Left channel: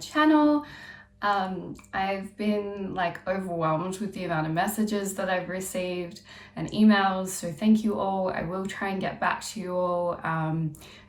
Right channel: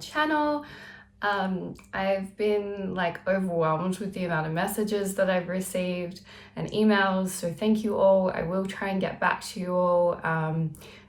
channel. I've been like overwhelmed with the amount of messages that I've received and emails, so thank you all. I will try and get back to you all.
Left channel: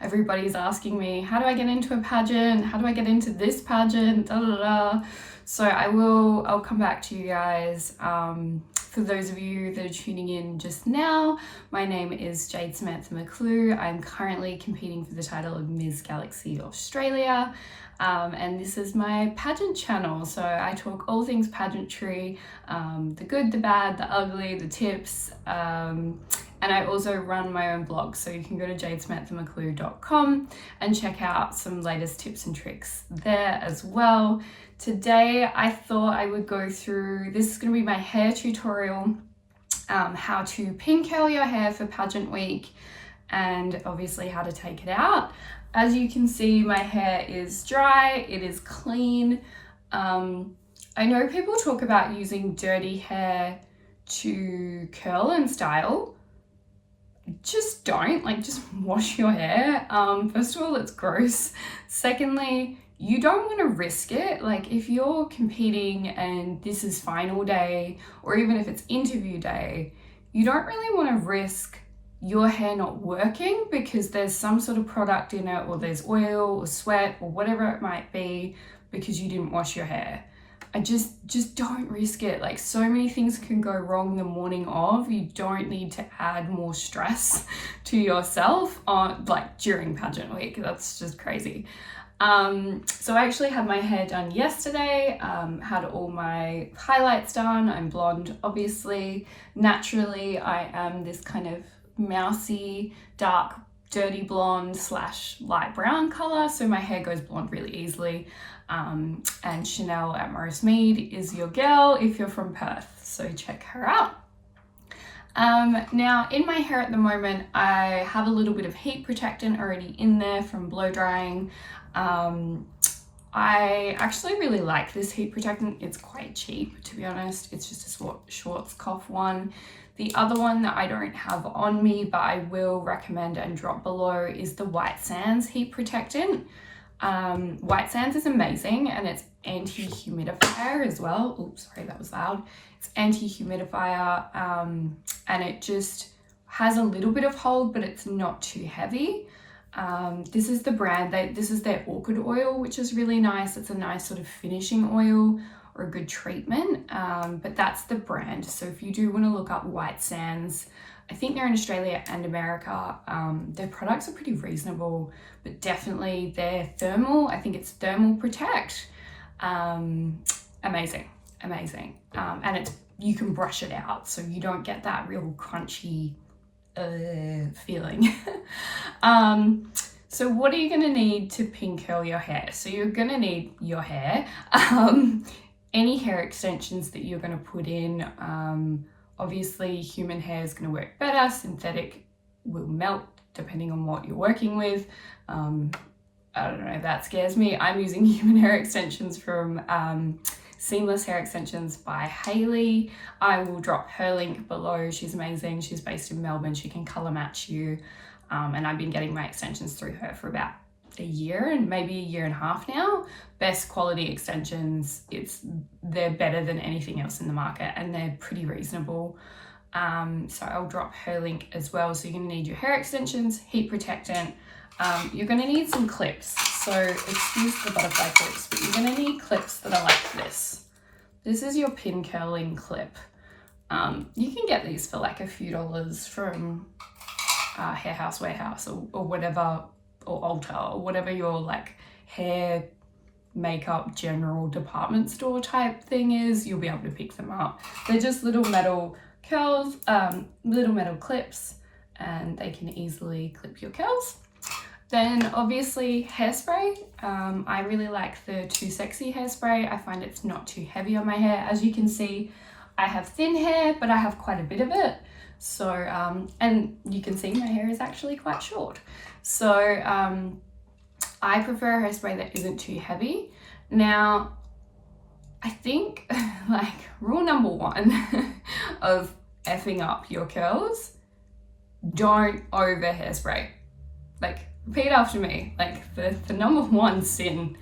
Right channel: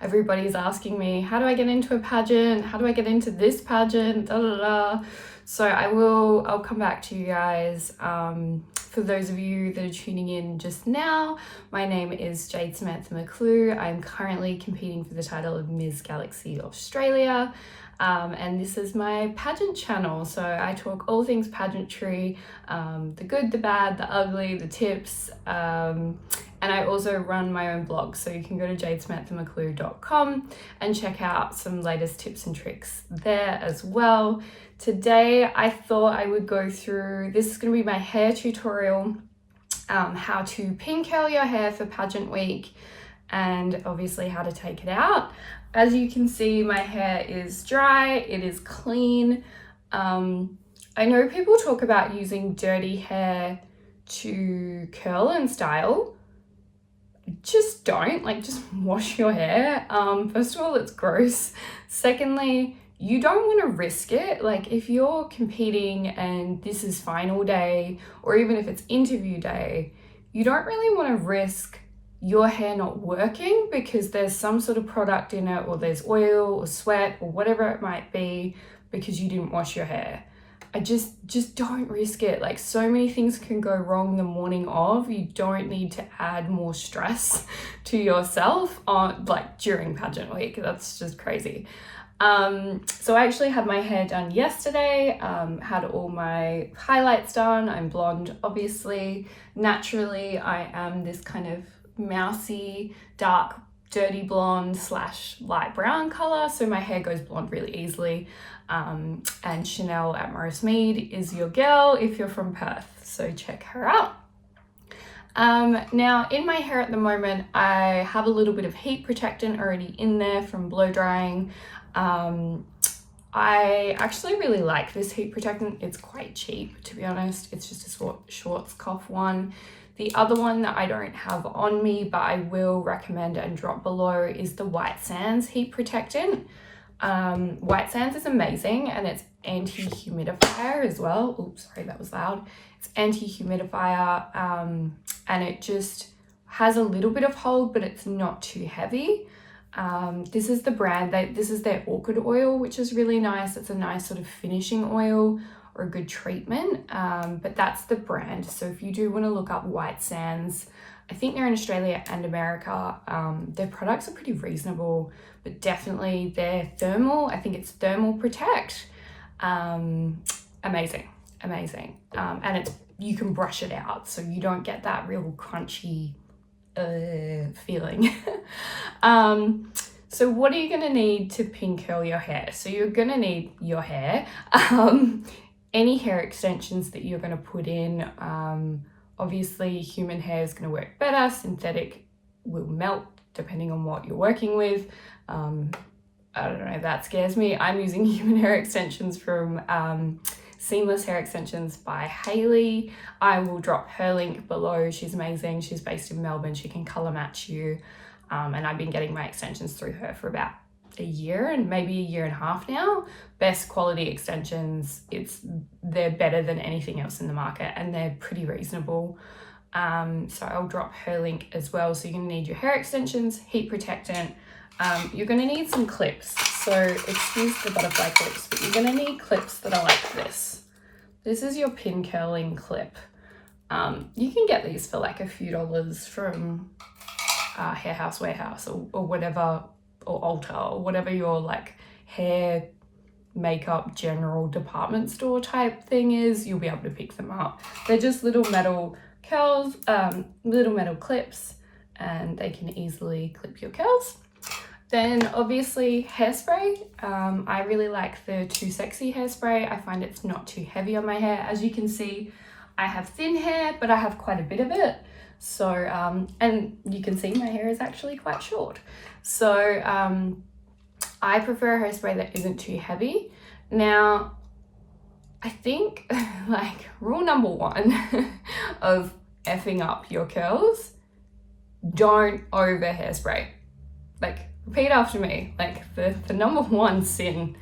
Everybody's asking me, how do I get into a pageant? How do I get into this pageant? Da, da, da. So I'll come back to you guys. For those of you that are tuning in just now, my name is Jade Samantha McClue. I'm currently competing for the title of Ms. Galaxy Australia. And this is my pageant channel. So I talk all things pageantry, the good, the bad, the ugly, the tips. And I also run my own blog. So you can go to jadesamanthamacclue.com and check out some latest tips and tricks there as well. Today, I thought I would go through, this is going to be my hair tutorial, how to pin curl your hair for pageant week, and obviously how to take it out. As you can see, my hair is dry, it is clean. I know people talk about using dirty hair to curl and style. Just don't, just wash your hair. First of all, it's gross. Secondly, you don't want to risk it. If you're competing and this is final day, or even if it's interview day, you don't really want to risk your hair not working because there's some sort of product in it, or there's oil or sweat or whatever it might be because you didn't wash your hair. I just don't risk it. So many things can go wrong the morning of. You don't need to add more stress to yourself on during pageant week. That's just crazy. So I actually had my hair done yesterday, had all my highlights done. I'm blonde, obviously. Naturally, I am this kind of mousy, dark, dirty blonde / light brown color. So my hair goes blonde really easily. And Chanel at Morris Mead is your girl if you're from Perth. So check her out. Now in my hair at the moment, I have a little bit of heat protectant already in there from blow drying. I actually really like this heat protectant. It's quite cheap, to be honest. It's just a Schwarzkopf one. The other one that I don't have on me, but I will recommend and drop below, is the White Sands heat protectant. White Sands is amazing, and it's anti-humidifier as well. Oops, sorry, that was loud. It's anti-humidifier, and it just has a little bit of hold, but it's not too heavy. This is the brand, this is their orchid oil, which is really nice. It's a nice sort of finishing oil or a good treatment, but that's the brand. So if you do want to look up White Sands, I think they're in Australia and America. Their products are pretty reasonable, but definitely their thermal, I think it's Thermal Protect. Amazing. And you can brush it out, so you don't get that real crunchy feeling. So what are you going to need to pin curl your hair? So you're going to need your hair, any hair extensions that you're going to put in. Obviously human hair is going to work better. Synthetic will melt depending on what you're working with. I don't know, that scares me. I'm using human hair extensions from Seamless Hair Extensions by Hayley. I will drop her link below. She's amazing. She's based in Melbourne. She can color match you. And I've been getting my extensions through her for about a year and maybe a year and a half now. Best quality extensions. They're better than anything else in the market, and they're pretty reasonable. So I'll drop her link as well. So you're gonna need your hair extensions, heat protectant. You're gonna need some clips. So excuse the butterfly clips, but you're gonna need clips that are like this. This is your pin curling clip. You can get these for a few dollars from Hair House Warehouse or whatever, or Ulta, or whatever your hair makeup general department store type thing is. You'll be able to pick them up. They're just little metal curls, little metal clips, and they can easily clip your curls. Then obviously hairspray. I really like the Too Sexy hairspray. I find it's not too heavy on my hair. As you can see, I have thin hair, but I have quite a bit of it. So, and you can see my hair is actually quite short. So I prefer a hairspray that isn't too heavy. Now, I think rule number one of effing up your curls, don't over hairspray. Repeat after me. The number one sin,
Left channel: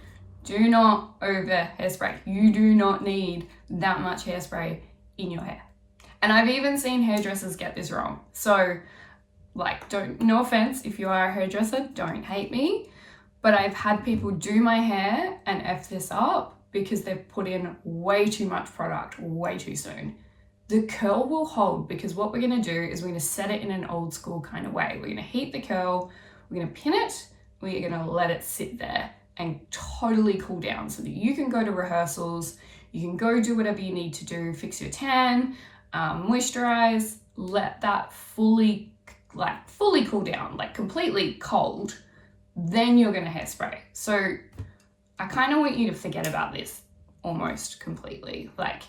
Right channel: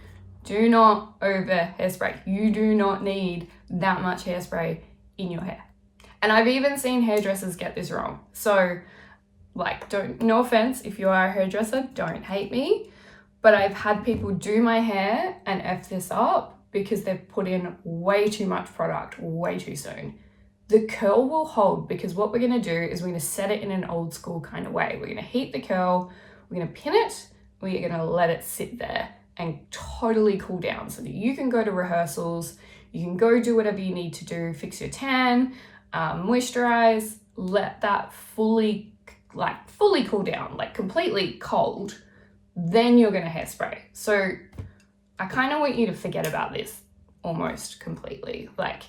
Do not over hairspray. You do not need that much hairspray in your hair. And I've even seen hairdressers get this wrong. So like, no offense, if you are a hairdresser, don't hate me. But I've had people do my hair and F this up because they've put in way too much product way too soon. The curl will hold because what we're gonna do is we're gonna set it in an old school kind of way. We're gonna heat the curl, we're gonna pin it, we're gonna let it sit there and totally cool down so that you can go to rehearsals, you can go do whatever you need to do, fix your tan, moisturize, let that fully cool down, like completely cold, then you're gonna hairspray. So I kind of want you to forget about this almost completely. Like,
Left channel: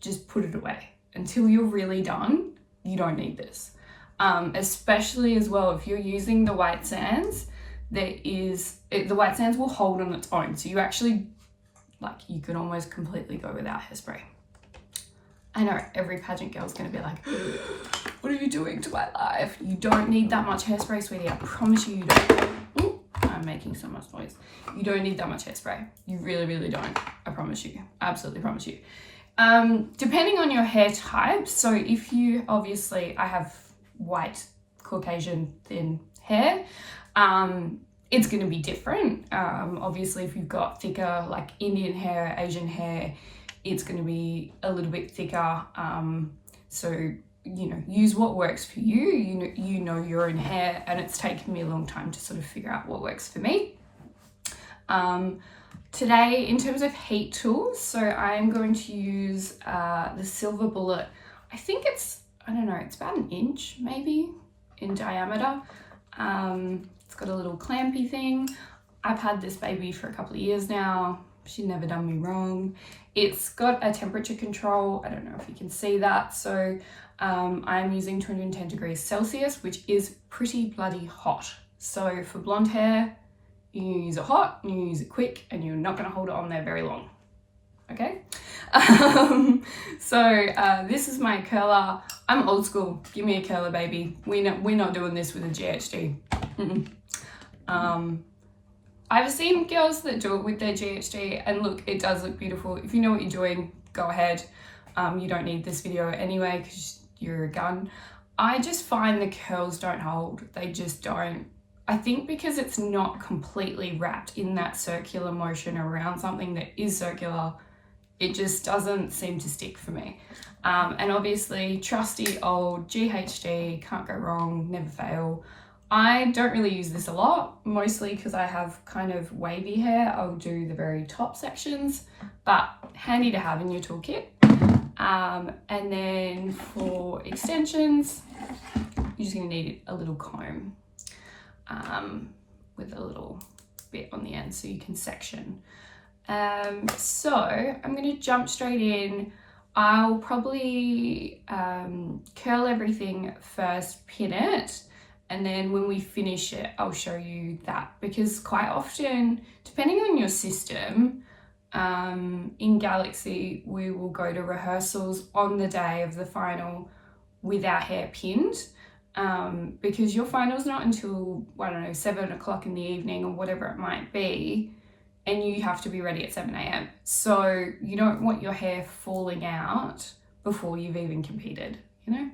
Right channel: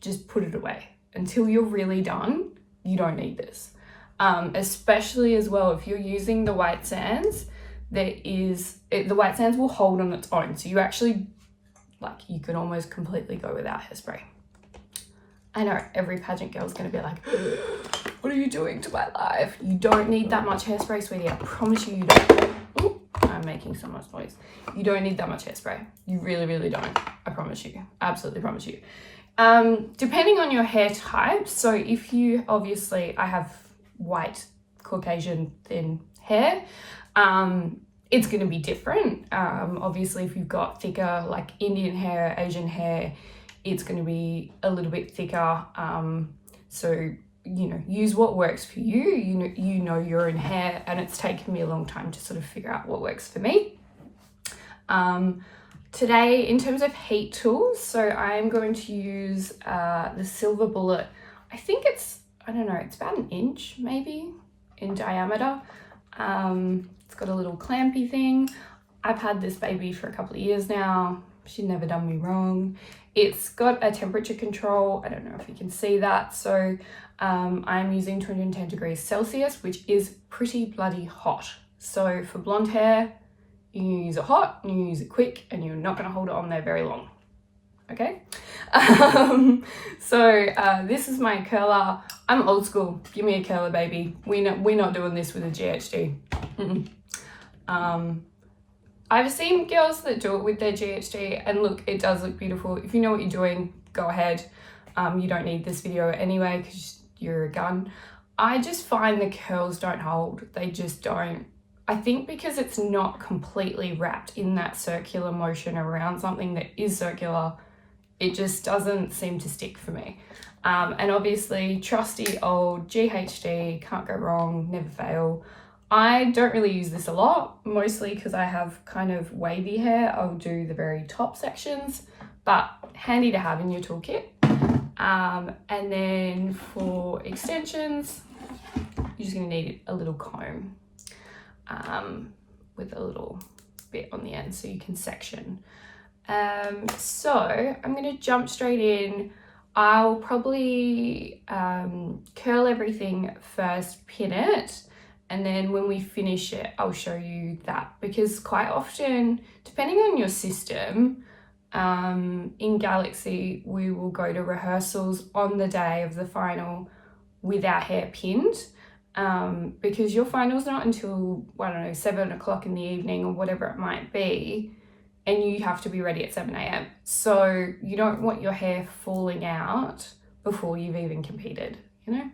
just put it away until you're really done. You don't need this. Especially as well, if you're using the white sands, the white sands will hold on its own. So you actually, like, you can almost completely go without hairspray. I know every pageant girl is going to be like, what are you doing to my life? You don't need that much hairspray, sweetie. I promise you don't. Ooh, I'm making so much noise. You don't need that much hairspray. You really, really don't. I promise you. Absolutely promise you. Depending on your hair type, so if you, obviously, I have white, Caucasian, thin hair, it's going to be different. Obviously, if you've got thicker, like Indian hair, Asian hair, it's going to be a little bit thicker. So, you know, use what works for you. You know your own hair, and it's taken me a long time to sort of figure out what works for me. Today, in terms of heat tools, so I am going to use the Silver Bullet. I think it's, I don't know, it's about 1 inch maybe in diameter. It's got a little clampy thing. I've had this baby for a couple of years now. She's never done me wrong. It's got a temperature control. I don't know if you can see that. So I'm using 210 degrees Celsius, which is pretty bloody hot. So for blonde hair, you use it hot, you use it quick, and you're not going to hold it on there very long. Okay? This is my curler. I'm old school. Give me a curler, baby. We're not doing this with a GHD. I've seen girls that do it with their GHD, and look, it does look beautiful. If you know what you're doing, go ahead. You don't need this video anyway because you're a gun. I just find the curls don't hold. They just don't. I think because it's not completely wrapped in that circular motion around something that is circular, it just doesn't seem to stick for me. And obviously, trusty old GHD, can't go wrong, never fail. I don't really use this a lot, mostly because I have kind of wavy hair. I'll do the very top sections, but handy to have in your toolkit. And then for extensions, you're just gonna need a little comb with a little bit on the end so you can section. So I'm gonna jump straight in. I'll probably curl everything first, pin it, and then when we finish it, I'll show you that, because quite often, depending on your system, in Galaxy, we will go to rehearsals on the day of the final with our hair pinned, because your final's not until, I don't know, 7 o'clock in the evening or whatever it might be, and you have to be ready at 7 a.m. So you don't want your hair falling out before you've even competed, you know?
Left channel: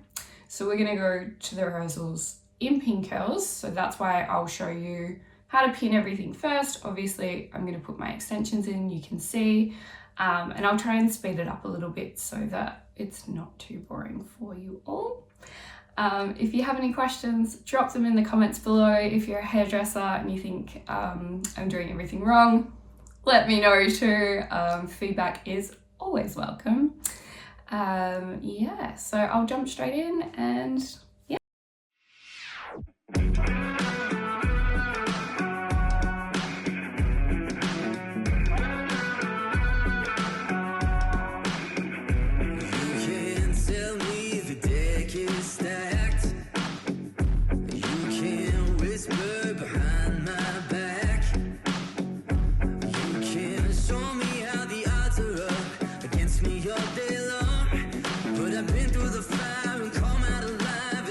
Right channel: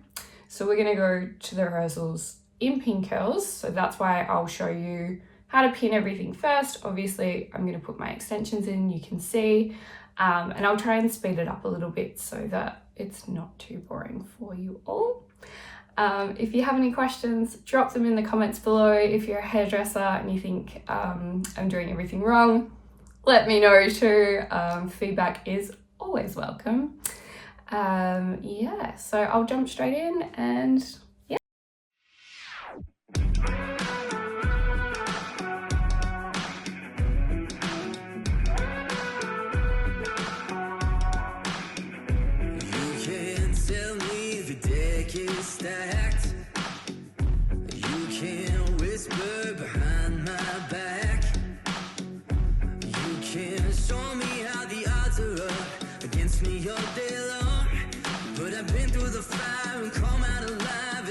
So we're gonna go to the rehearsals in pin curls, so that's why I'll show you how to pin everything first. Obviously, I'm going to put my extensions in, you can see, and I'll try and speed it up a little bit so that it's not too boring for you all. If you have any questions, drop them in the comments below. If you're a hairdresser and you think I'm doing everything wrong, let me know too. Feedback is always welcome. Yeah, so I'll jump straight in and yeah. Stacked. You can whisper behind my back. You can show me how the odds are up against me all day long. But I've been through the fire and come out alive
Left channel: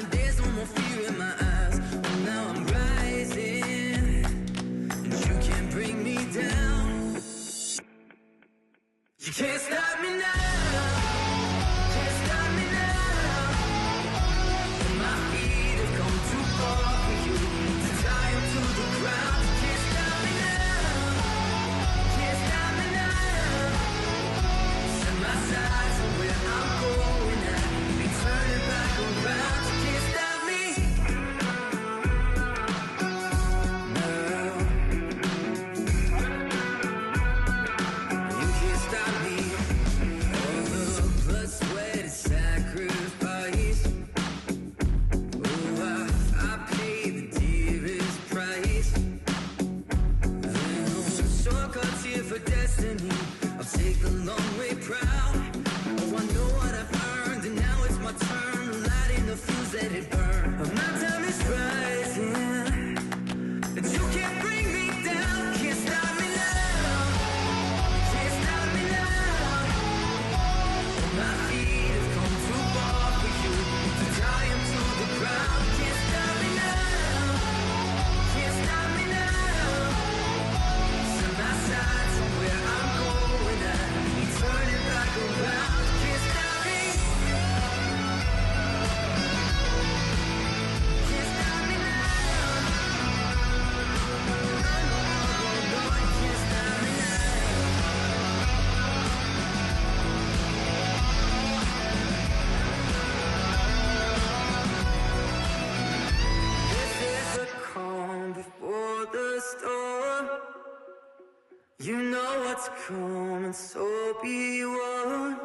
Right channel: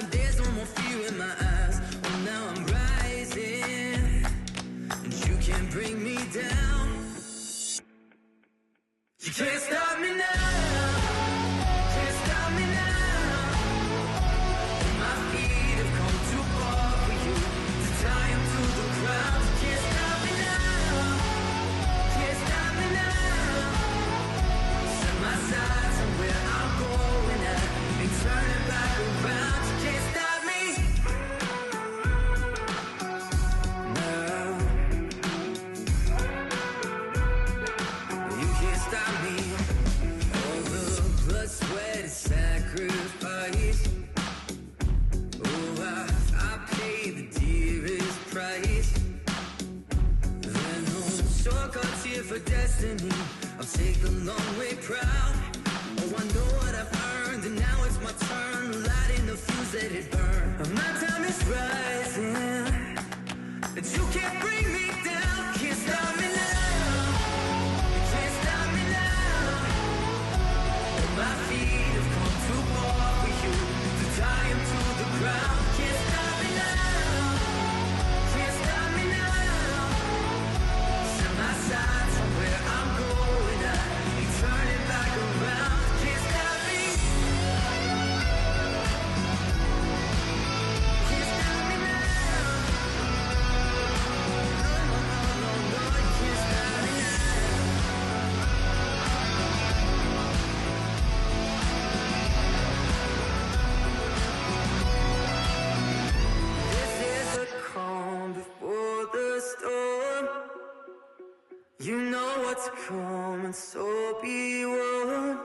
what's coming, so be warned.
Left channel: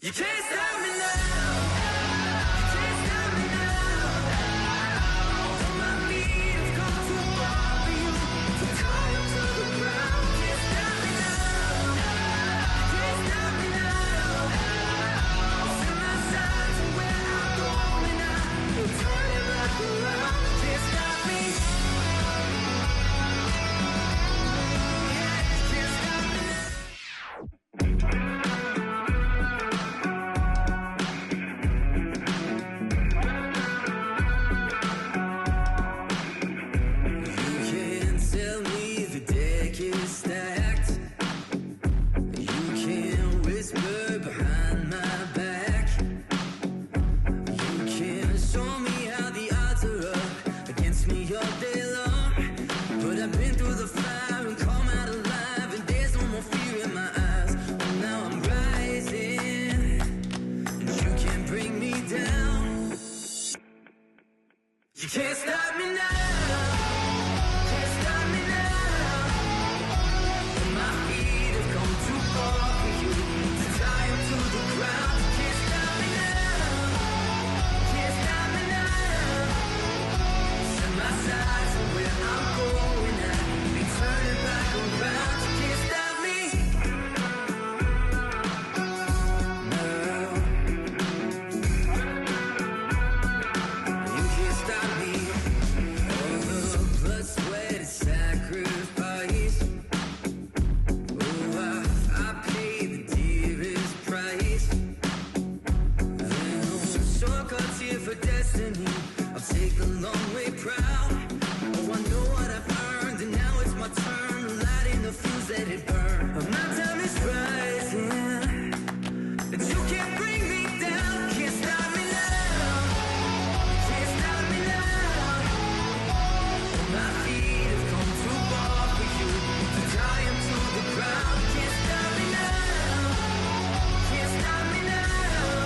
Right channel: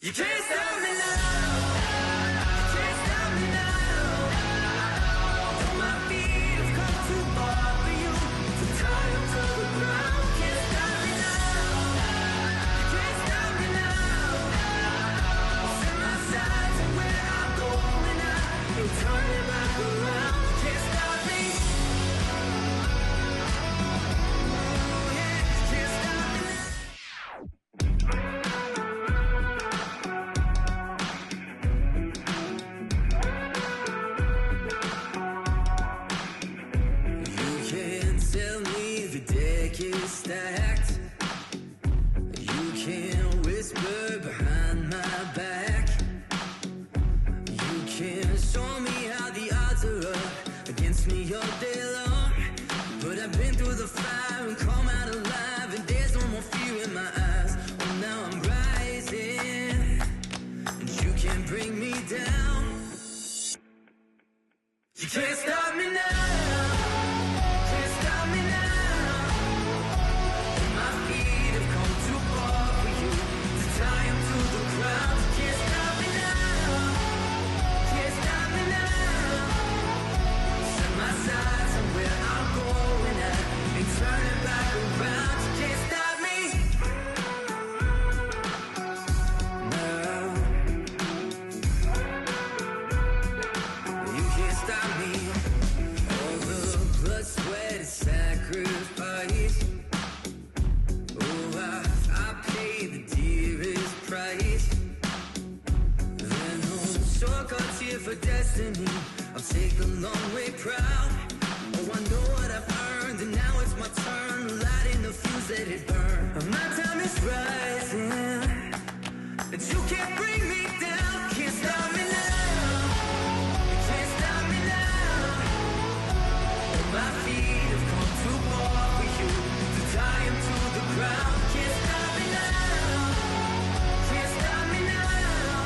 You can't stop me now. You can't stop me now. Though my feet have come too far for you to tie up to the ground. Can't stop me now. You can't stop me now. Set my sights on where I'm going now. Ain't turning back around. Can't stop me. Oh yeah, can't stop me now. You can't tell me the deck is stacked. You can't whisper behind my back. You can't show me how the odds are up against me all day long. But I've been through the fire and come out alive, and there's no more fear in my eyes. Oh, now I'm rising, and you can't bring me down. You can't stop me now. Can't stop me now. And my feet have come too far for you to tie 'em to the ground. You can't stop me now. Can't stop me now. Set my sights on where I'm going at. Ain't turning back around. You can't stop me now. You can't stop me. All the blood, sweat, and sacrifice. Oh, I paid the dearest price. There no shortcuts here for destiny. I'll take the long way proud. Oh, I know what I've earned, and now it's my turn to light in the fuse, let it burn. My time is rising, and you can't bring me down. Can't stop me now. Can't stop me now. And my feet have come too far for you to tie 'em to the ground. Can't stop me now. Can't stop me now.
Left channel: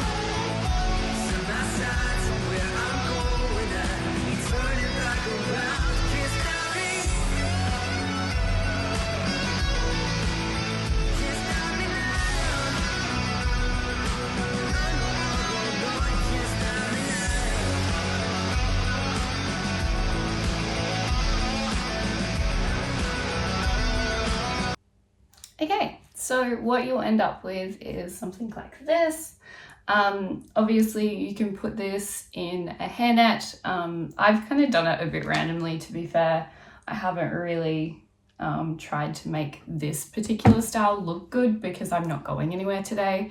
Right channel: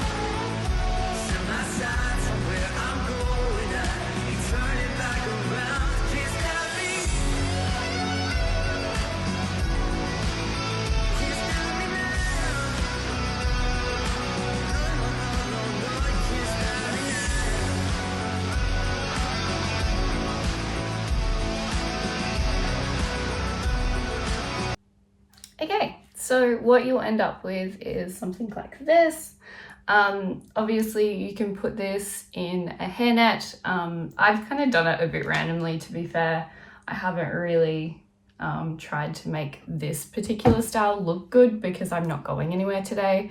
Set my sights on where I'm going at. Ain't turning back around. Can't stop me. Can't stop me now. No, no, no, no, no. You can't stop me now. Okay, so what you'll end up with is something like this. Obviously you can put this in a hairnet. I've kind of done it a bit randomly, to be fair. I haven't really tried to make this particular style look good because I'm not going anywhere today.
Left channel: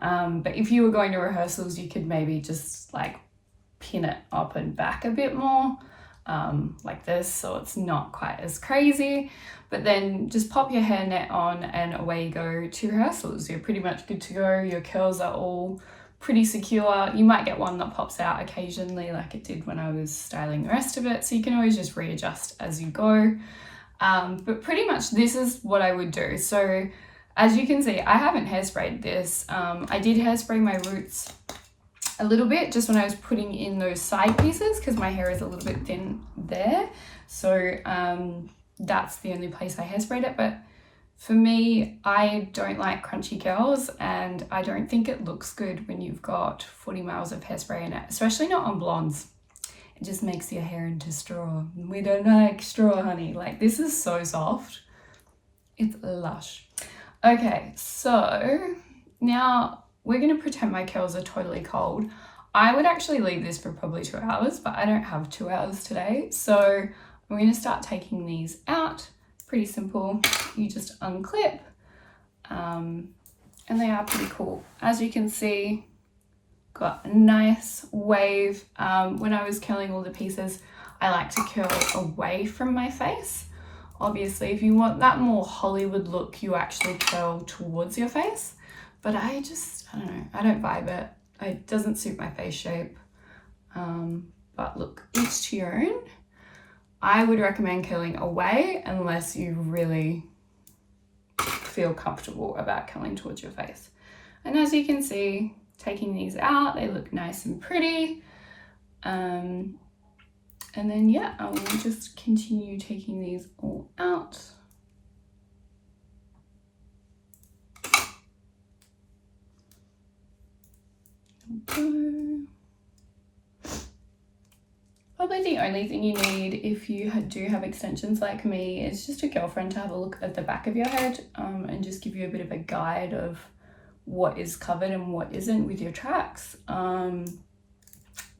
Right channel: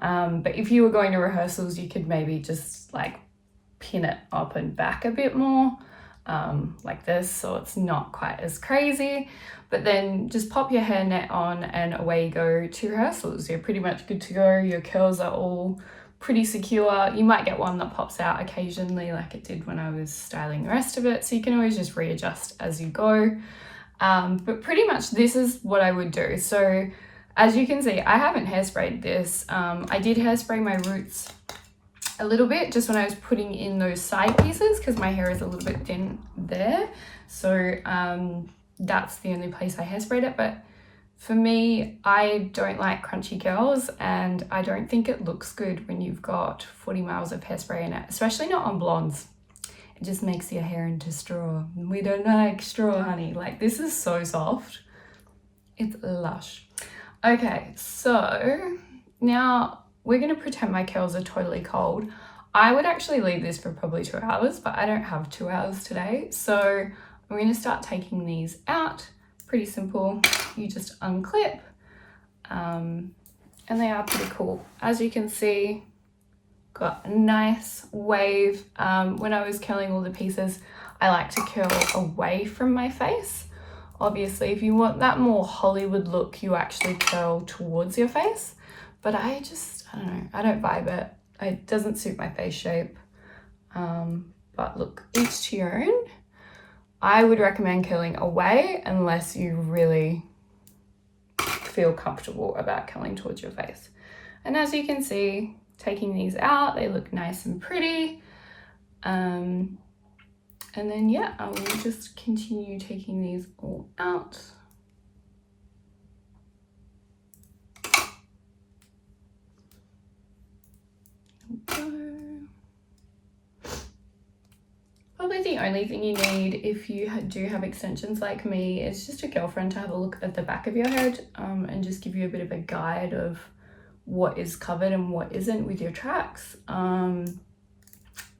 But if you were going to rehearsals, you could maybe just like pin it up and back a bit more, like this, so it's not quite as crazy. But then just pop your hairnet on and away you go to rehearsals. You're pretty much good to go. Your curls are all pretty secure. You might get one that pops out occasionally like it did when I was styling the rest of it, so you can always just readjust as you go. But pretty much this is what I would do. So as you can see, I haven't hairsprayed this. I did hairspray my roots a little bit just when I was putting in those side pieces because my hair is a little bit thin there. So that's the only place I hairsprayed it. But for me, I don't like crunchy curls, and I don't think it looks good when you've got 40 miles of hairspray in it, especially not on blondes. It just makes your hair into straw. We don't like straw, honey. Like, this is so soft. It's lush. Okay, so now we're gonna pretend my curls are totally cold. I would actually leave this for probably 2 hours, but I don't have 2 hours today. So I'm gonna start taking these out. Pretty simple. You just unclip, and they are pretty cool. As you can see, got a nice wave. When I was curling all the pieces, I like to curl away from my face. Obviously, if you want that more Hollywood look, you actually curl towards your face. But I don't know, I don't vibe it. It doesn't suit my face shape. But look, each to your own. I would recommend curling away unless you really feel comfortable about curling towards your face. And as you can see, taking these out, they look nice and pretty. And then yeah, I will just continue taking these all out. There we go. Probably the only thing you need if you do have extensions like me is just a girlfriend to have a look at the back of your head and just give you a bit of a guide of what is covered and what isn't with your tracks.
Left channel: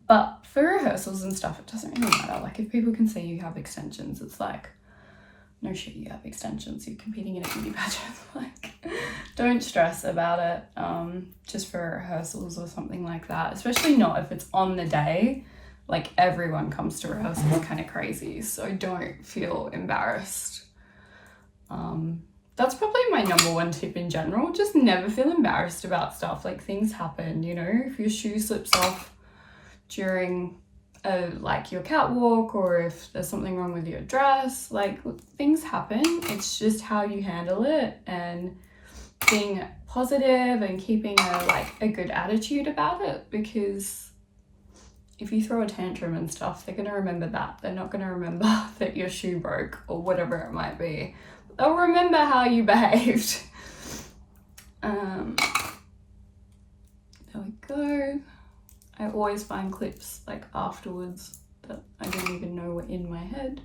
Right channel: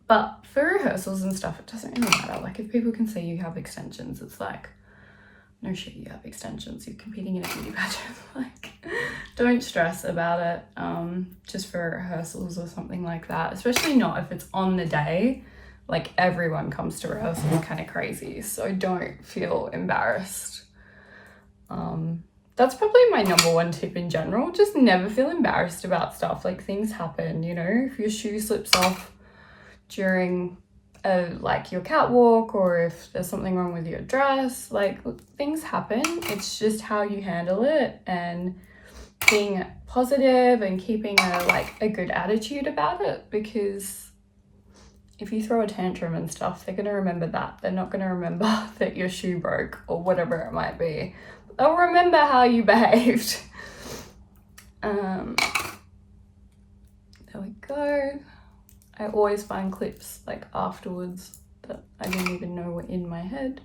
But for rehearsals and stuff, it doesn't really matter. Like if people can see you have extensions, it's like, no shit, you have extensions. You're competing in a beauty pageant. Like, don't stress about it. Just for rehearsals or something like that. Especially not if it's on the day. Like everyone comes to rehearsals kind of crazy, so don't feel embarrassed. That's probably my number one tip in general. Just never feel embarrassed about stuff. Like things happen, you know, if your shoe slips off during like your catwalk, or if there's something wrong with your dress, like things happen. It's just how you handle it and being positive and keeping a good attitude about it, because if you throw a tantrum and stuff, they're going to remember that. They're not going to remember that your shoe broke or whatever it might be. They'll remember how you behaved. There we go. I always find clips like afterwards that I didn't even know were in my head.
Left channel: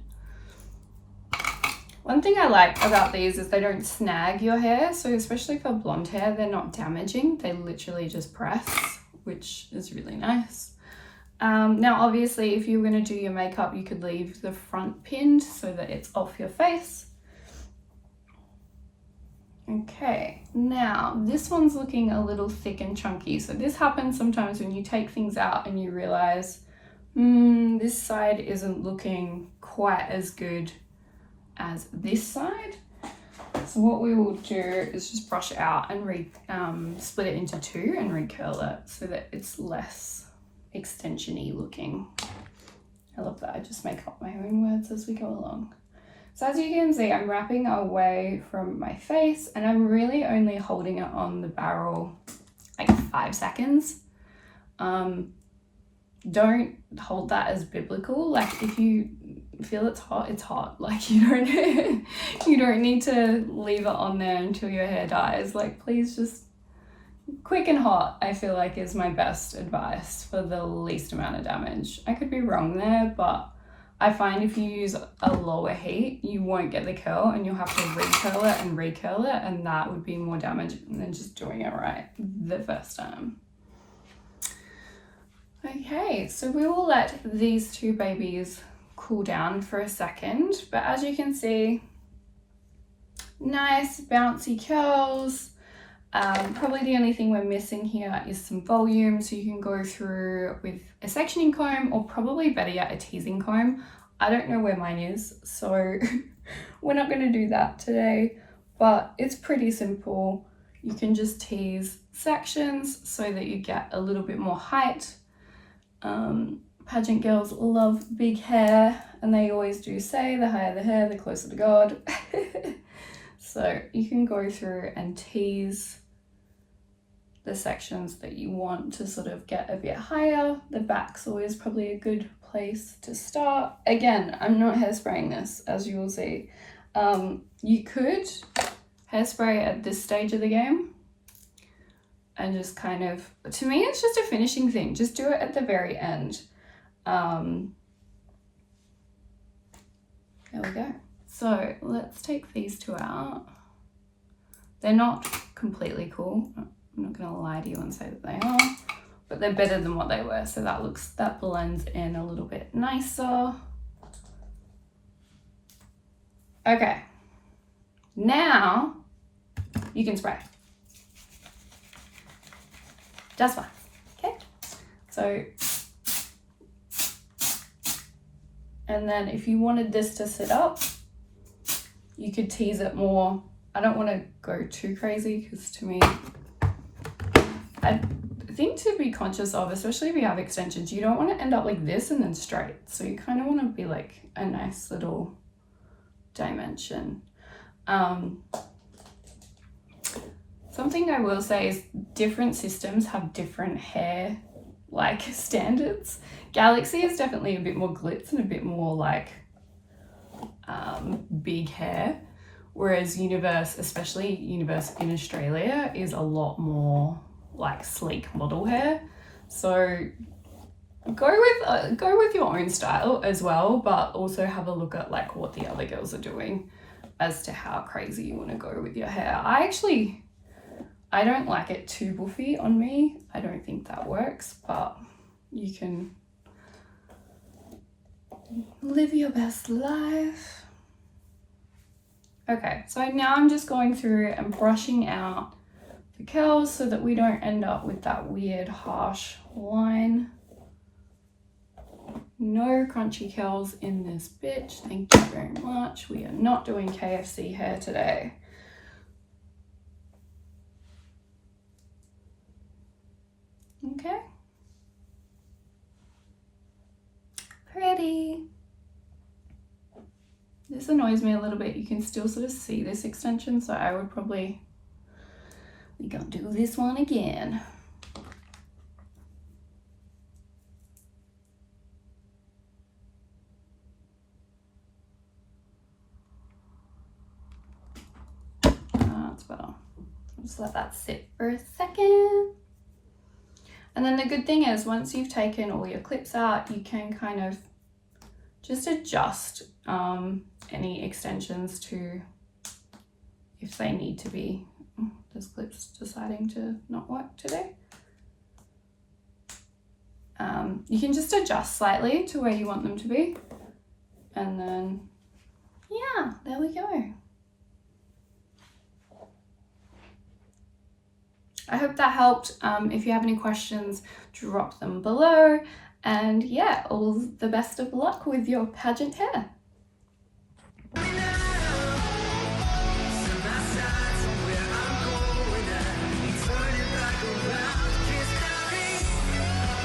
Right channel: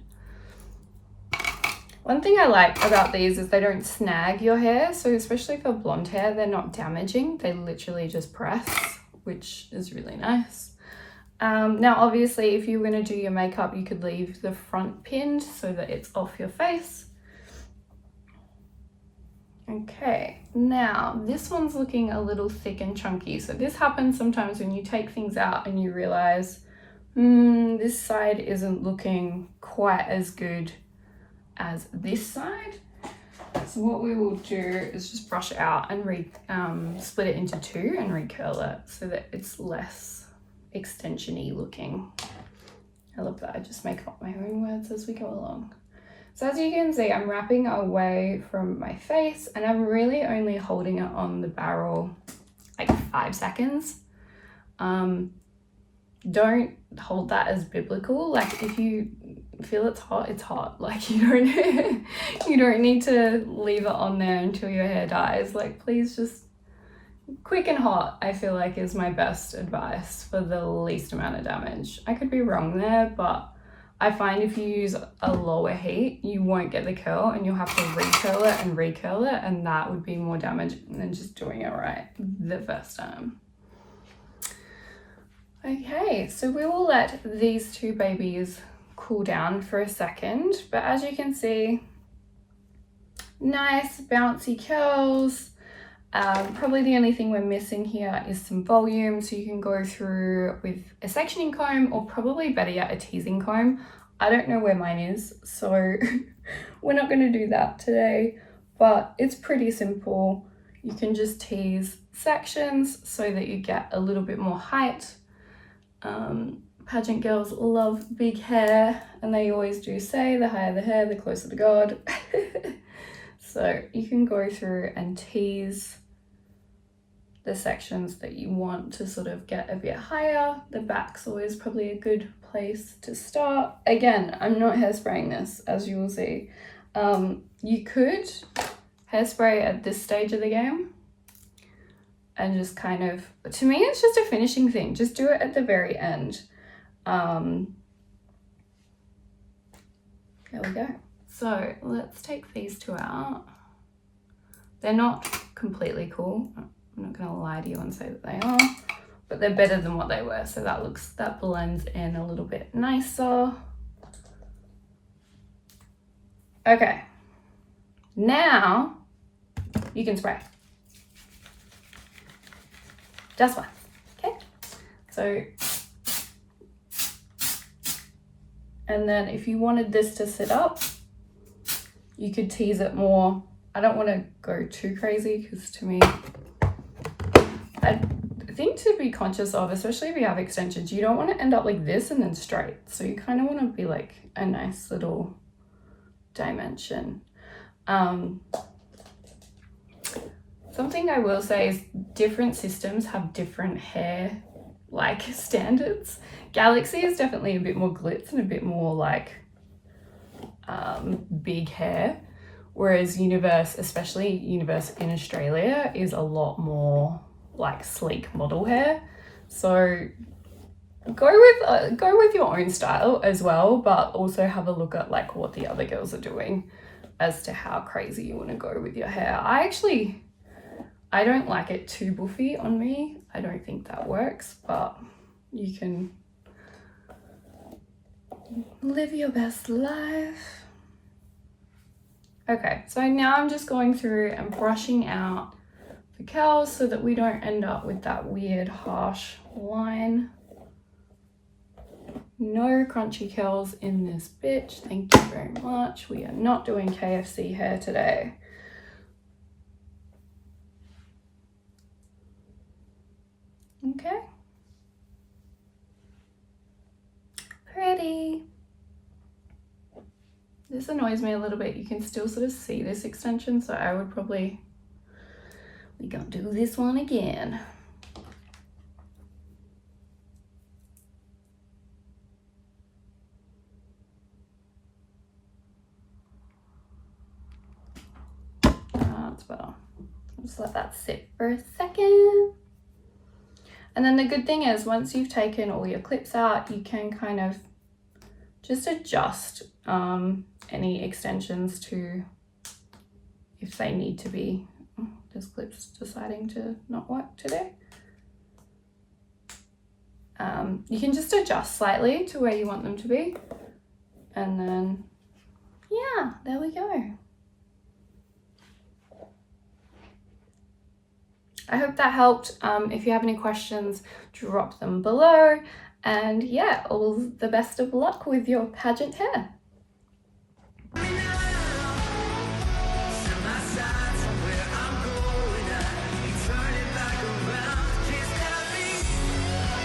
One thing I like about these is they don't snag your hair. So especially for blonde hair, they're not damaging. They literally just press, which is really nice. Now obviously if you were going to do your makeup, you could leave the front pinned so that it's off your face. Okay, now this one's looking a little thick and chunky. So this happens sometimes when you take things out and you realize, this side isn't looking quite as good as this side. So what we will do is just brush it out and split it into two and recurl it so that it's less extension-y looking. I love that. I just make up my own words as we go along. So as you can see, I'm wrapping away from my face and I'm really only holding it on the barrel like 5 seconds. Don't hold that as biblical. Like if you feel it's hot, it's hot. Like you don't need to leave it on there until your hair dies. Like please just quick and hot, I feel like is my best advice for the least amount of damage. I could be wrong there, but I find if you use a lower heat, you won't get the curl and you'll have to recurl it, and that would be more damage than just doing it right the first time. Okay, so we will let these two babies cool down for a second, but as you can see, nice bouncy curls. Probably the only thing we're missing here is some volume, so you can go through with a sectioning comb, or probably better yet, a teasing comb. I don't know where mine is, so we're not going to do that today, but it's pretty simple. You can just tease sections so that you get a little bit more height. Pageant girls love big hair, and they always do say the higher the hair, the closer to God. So you can go through and tease the sections that you want to sort of get a bit higher. The back's always probably a good place to start. Again, I'm not hairspraying this, as you will see. You could hairspray at this stage of the game and just kind of, to me, it's just a finishing thing. Just do it at the very end. There we go. So let's take these two out. They're not completely cool. I'm not gonna lie to you and say that they are, but they're better than what they were. So that blends in a little bit nicer. Okay, now you can spray. Just one, okay? So, and then if you wanted this to sit up, you could tease it more. I don't want to go too crazy because to me, I think to be conscious of, especially if you have extensions, you don't want to end up like this and then straight. So you kind of want to be like a nice little dimension. Something I will say is different systems have different hair like standards. Galaxy is definitely a bit more glitz and a bit more like big hair, whereas Universe, especially Universe in Australia, is a lot more like sleek model hair. So go with your own style as well, but also have a look at like what the other girls are doing as to how crazy you want to go with your hair. I don't like it too buffy on me. I don't think that works, but you can live your best life. Okay, so now I'm just going through and brushing out the curls so that we don't end up with that weird harsh line. No crunchy curls in this bitch. Thank you very much. We are not doing KFC hair today. Okay. Pretty. This annoys me a little bit. You can still sort of see this extension, so I would probably, we're gonna do this one again. That's better. Just let that sit for a second. And then the good thing is once you've taken all your clips out, you can kind of just adjust any extensions to if they need to be. Oh, this clip's deciding to not work today. You can just adjust slightly to where you want them to be. And then, yeah, there we go. I hope that helped. If you have any questions, drop them below. And yeah, all the best of luck with your pageant hair.